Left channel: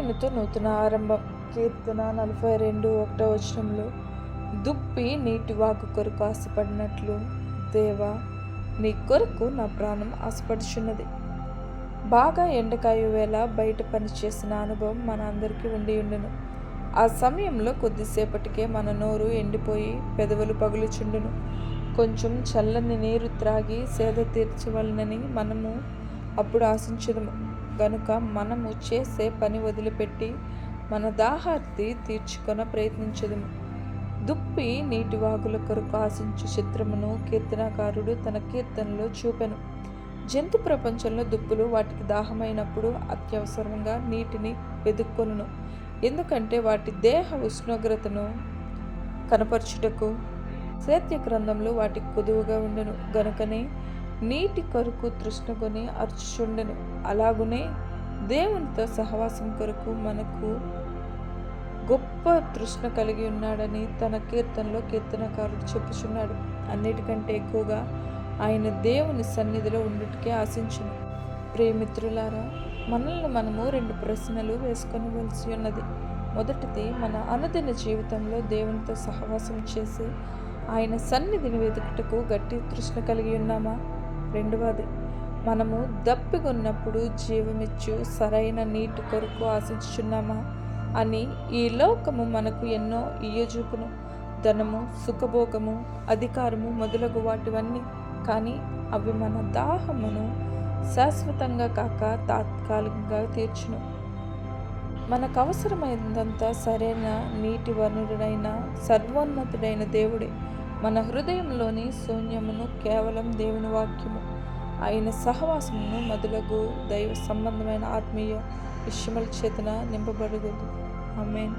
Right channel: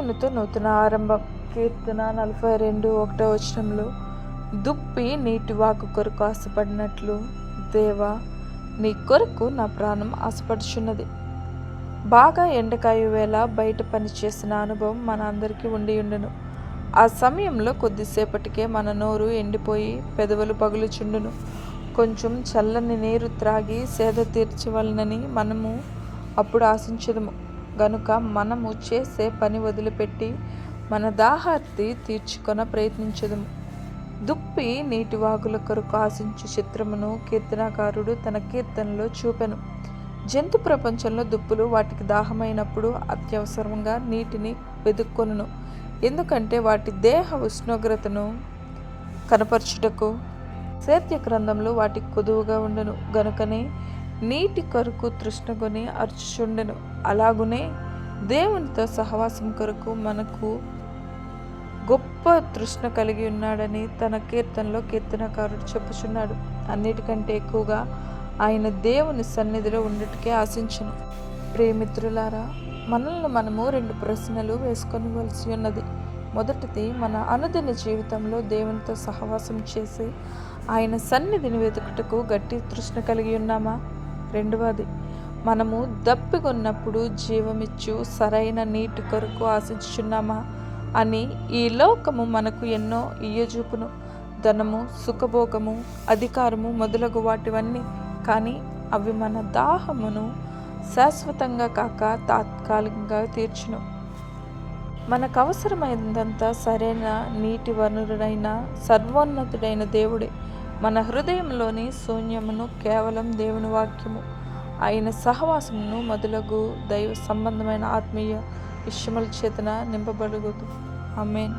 నూతన ఆరంభం. కీర్తన 42:1 దుప్పి నీటి వాగు కొరకు ఆశపడినట్లు దేవా, నీ కొరకు నా ప్రాణం ఆశపడుచున్నది. బాగా ఎండకాయు వేళ బయట పనిచేసిన అనుభవం మన అందరికీ ఉండును. ఆ సమయంలో కొద్దిసేపటికే మన నోరు ఎండిపోయి పెదవులు పగులుచుండును. కొంచెం చల్లని నీరు త్రాగి సేద తీర్చవలనని మనము అప్పుడు ఆశించదుము. గనుక మనము చేసే పని వదిలిపెట్టి మన దాహార్తి తీర్చుకొన ప్రయత్నించదుము. దుప్పి నీటి వాగుల కొరకు ఆశించు చిత్రమును కీర్తనకారుడు తన కీర్తనలో చూపెను. జంతు ప్రపంచంలో దుప్పులు వాటికి దాహమైనప్పుడు అత్యవసరంగా నీటిని వెదుక్కొనును. ఎందుకంటే వాటి దేహ ఉష్ణోగ్రతను కనపరచుటకు సేద్య గ్రంథంలో వాటికి కొదువుగా ఉండును. గనుకనే నీటి కొరకు తృష్ణగొని అర్చుచుండెను. అలాగునే దేవునితో సహవాసం కొరకు మనకు గొప్ప తృష్ణ కలిగి ఉన్నాడని తన కీర్తనలో కీర్తనకారుడు చెప్పుచున్నాడు. అన్నిటికంటే ఎక్కువగా ఆయన దేవుని సన్నిధిలో ఉండుటకే ఆశించును. ప్రియమిత్రులారా, మనల్ని మనము 2 ప్రశ్నలు వేసుకొనవలసి ఉన్నది. మొదటిది, మన అనుదిన జీవితంలో దేవునితో సహవాసం చేసి ఆయన సన్నిధిని వెతుకుటకు గట్టి తృష్ణ కలిగి ఉన్నామా? రెండవది, మనము దప్పిగొన్నప్పుడు జీవమిచ్చు సరైన నీటి కొరకు ఆశించుచున్నామా అని ఈ లోకము మనకు ఎన్నో ఇయ్యజూపును. ధనము, సుఖభోగము, అధికారము మొదలగు వాటివన్నీ. కానీ అవి మన దాహమును శాశ్వతంగా కాక తాత్కాలికంగా తీర్చును. మనకు అవసరమైనంత సరైన నీటి వనరుడైన సర్వోన్నతుడైన దేవుడే. మన హృదయంలోని శూన్యమును కేవలం దేవుని వాక్యము, ఆయన సహవాసమును మొదలగు దైవ సంబంధమైన ఆత్మీయ విషయముల చేతన నింపబడుగుదు. ఆమేన్.